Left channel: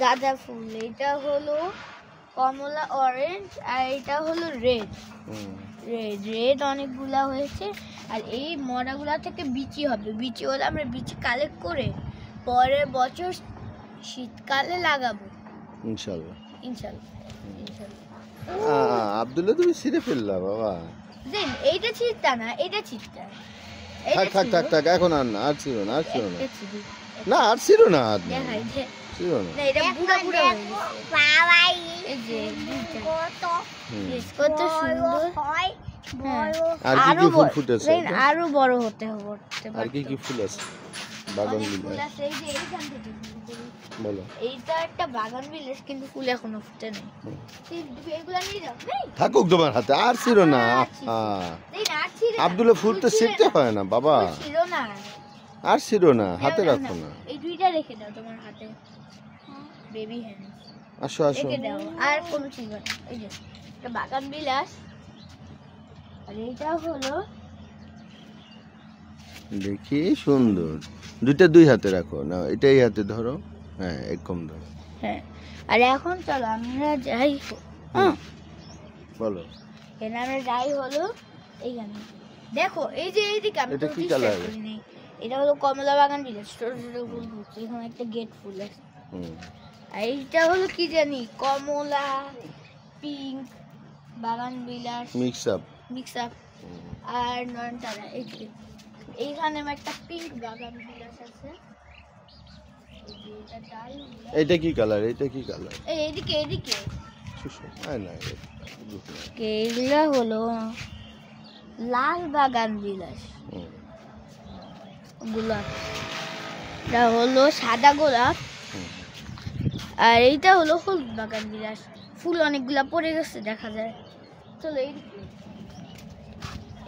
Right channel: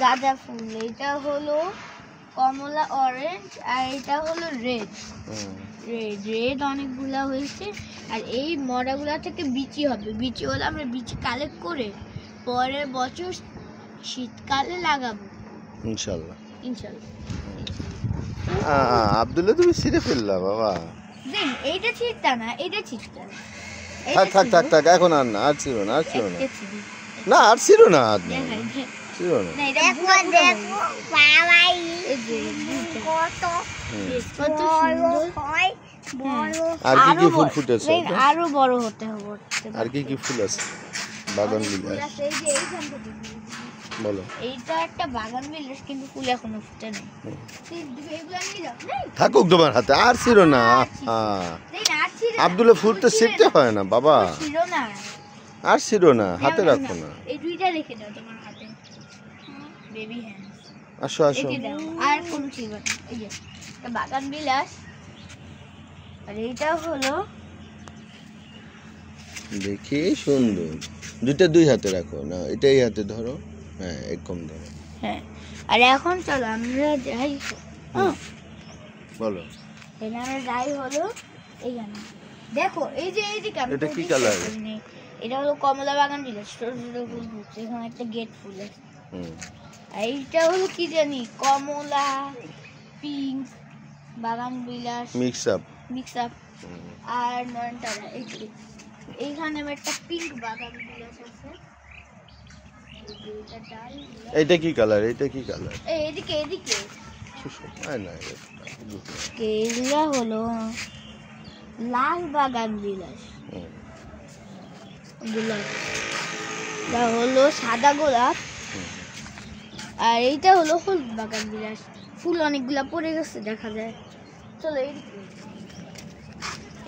গাঁদা ফুল, এটা হলো কমলা অরেঞ্জ, আর এটা হলো রেড। রেড অনেকগুলা হয়েছে। আর এই মরাগুলা থেকে বিচি হবে, বিচি হলে আমরা বিচি কালেক্ট করে পরের বছর শীতকালে লাগাবো ইনশাআল্লাহ। ইনশাআল্লাহ। আব্দুল্লাহ তুমি ছিঁড়ে ফেললা বাবা। দেন এইটা ছিঁড়তা না, এটা ছিঁড়তা। থাক থাক থাক থাক, এখন আর না, আর ছিঁড়ো না, আর ছিঁড়ো না, না আর ছিঁড়ো না, আর ছিঁড়ো না। এটা পুরো পুরো বাবা, এই যে কত সুন্দর হয়, বড়। আর কি কি ফুল ফুটেছে? আরো বড় হতে হবে। আর কি কি ফুল আছে? বাগান বিলাস বলো। এইটা একটা বাগান বিলাস, কিন্তু ফুল এখনো ফুটে নাই। এগুলো আমি থাকুক তোমার হাতে, আর ছিল না। আব্দুল্লাহ ফুল তো শিখতে হয় না বাবা, ছিল না, আর ছিল না, হাতে রাখো না। এই দুইটা রেখে দাও তোমার হাতে, বেবি হ্যান্ডস। আসো আসো। আর কোন ছিল না, এই যে বাগান বিলাস। আর এইটা হলো, দেখি সুন্দর, দুইটা দুই হাতে রাখো না, এটা এই হাতে ধরো, হ্যাঁ একদম ধরো। হ্যাঁ। আর এখন চলো আমরা যাই, বলো। এখানে আমরা যাই হলো এইখানে, দেখো এই যে এইদিকে। এটা কি কালার? এটা হলো কমলা বাগান বিলাস, ছোট ছোট ফুল ফুটছে, এখানে একটা গেট ফুল আছে। আর এইটা হলো কি জানি, কমলা পিঙ্ক বাগান বিলাস মিক্স আপ। আর নয়নতারা, এইখানে একটা পিঙ্ক বাগান বিলাস আছে। এইটা কি কালার? এইটা কি কালার? এইদিকে এইদিকে এইগুলা হলো লাল বাগান বিলাস। গোলাপ, এটা হলো সাদা গোলাপ। আর এইটা হলো হলুদ বাগান বিলাস। ফুল অনেকগুলা পড়ে গেছে দেখা যায়। চলো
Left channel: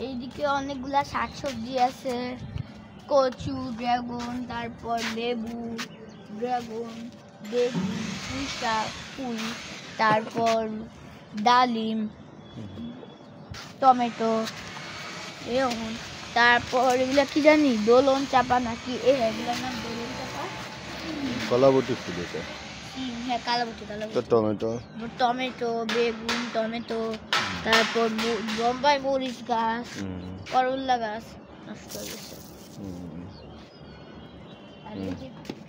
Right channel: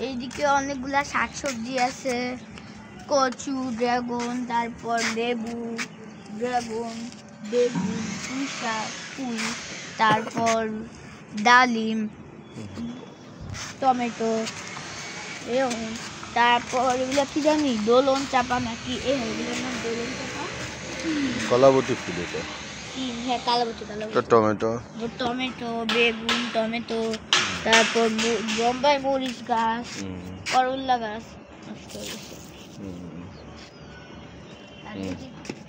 এইদিকে অনেকগুলা শাকসবজি আছে, কচু, ড্রাগন, তারপর লেবু, ড্রাগন, বেগুন, পুঁইশাক, পুঁই, তারপর ডালিম, টমেটো, এরকম। তারপর এগুলা কি জানি, দোলন চাপা নাকি, এগুলোর নাম দোলন চাপা। কলাবতী ফুল এটা। হ্যাঁ কালাবতী। টমেটো, বেগুন, টমেটো, তারপর বোম্বাই মরিচ গাছ, করল্লা গাছ নষ্ট হয়ে গেছে।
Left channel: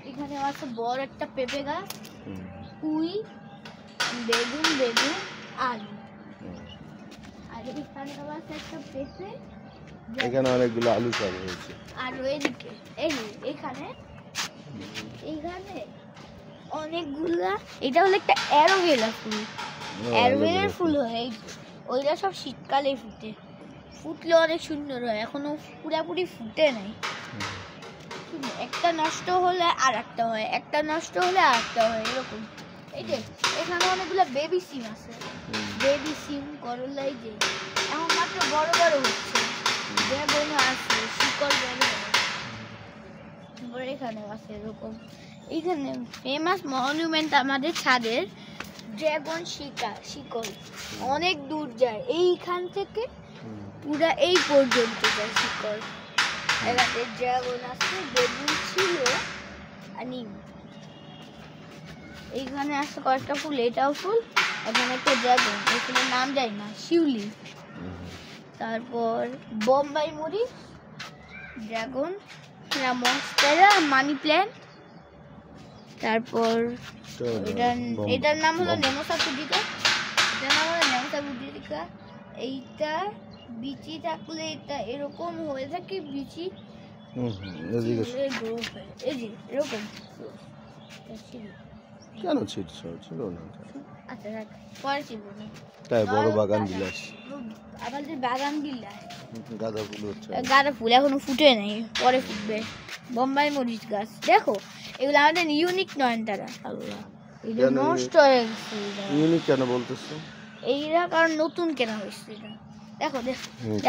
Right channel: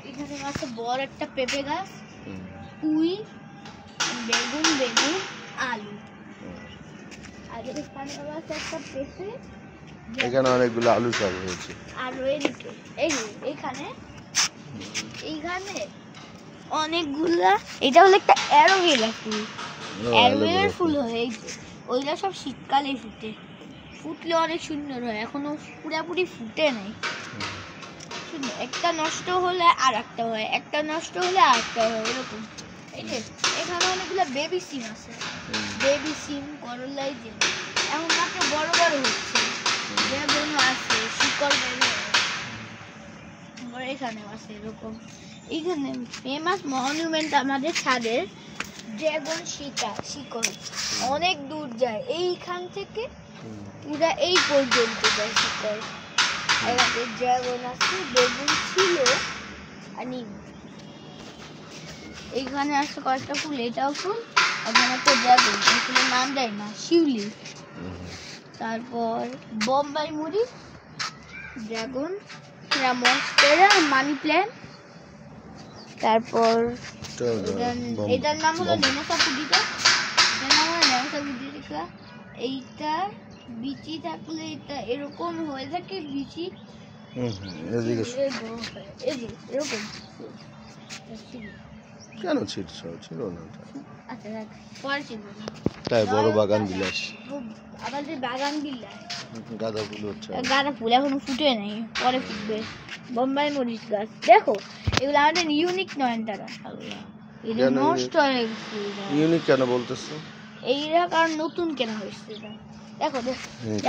এখানে আছে বড় একটা পেঁপে গাছ, পুঁই, বেগুন, আলু। আর এখানে আছে একটা পেঁপে, এখানে অনেকগুলো আলু চাষ হয়েছে। আর এইদিকে এইখানে অনেকগুলা, এটা হলো একটা অ্যালোভেরা ফুল। অ্যালোভেরার ফুল হয়, ওইটা সব শীতকালে ফুটলে অনেক সুন্দর হয়, এখনো পুরাপুরি ফুটে নাই। একটা নষ্ট হলে আর একটা হয়, একটা নষ্ট হলে আর একটা হয়, এরকম। এই যে এখানে অনেকগুলো বেবি সিম আছে, বেবি সিম, করলাই, যে এখন মাত্র বড় বড় হচ্ছে, বেগুন আছে, শিকড় বড় হয়। এখানে আছে এরকম। এখানে ফেমাস মনুমেন্ট আমাদের ছাদের, ড্রাগন শিকড় অনেক দূর যায়, এইখান থেকে পুরা এই পর্যন্ত যায় শিকড়। এখানে ড্রাগন আছে, বেগুন ছিল, আর নিম। এইখানে আছে কয়েকটা ফুল, এটাও ফুল, এখানে একটা ড্রাগন, এই ফুলের নাম যায় না, শিউলি। তারপর বোম্বাই মরিচ, ড্রাগন, মনস্টেরা, মানি প্ল্যান্ট। তারপর এটার নাম হলো নেমোসা পুডিকা। এইটা বিচি থাকলে এটা এরকম হয়ে থাকে, বিচি এরকম। কেন ছিটছ? ছিল না তাই বড় বাগান বিলাস। আমাদের বাগান বিলাস, গাঁদা ফুল হচ্ছে, গাঁদা ফুল এখনো ফুটে নেই, পরে ফুটবে। বোম্বাই মরিচ গাছ, দেখো এগুলো আমাদের ইউনিক নয়নতারা। নষ্ট হয়ে গেছে। ইউনিক কেন বলতেছো? এইটা কারণ নতুন কেনা হয়েছে। দেখো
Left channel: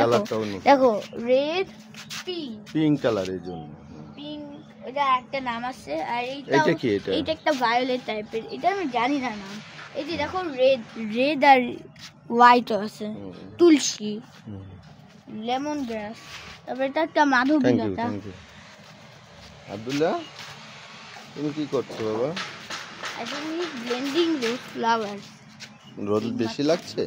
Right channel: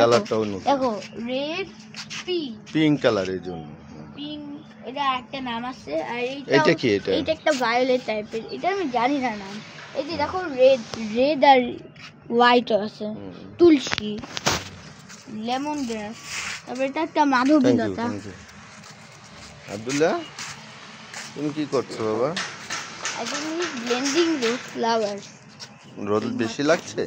কালারটাও দেখো, রেড, পিঙ্ক কালার, এই জন্য পিঙ্ক। এটা একটা নাম আছে। আর এটা কি? এটা একটা ভায়োলেট টাইপের, এটা আমি জানি না নাম। এই যে দেখো রেড আর হোয়াইট আছে, তুলসী, লেমন গ্রাস। তারপর এটা একটা মাধবীলতা। আব্দুল্লাহ তুমি কি করছো বাবা? I think he's blending the flowers. রোদ বেশি লাগছে?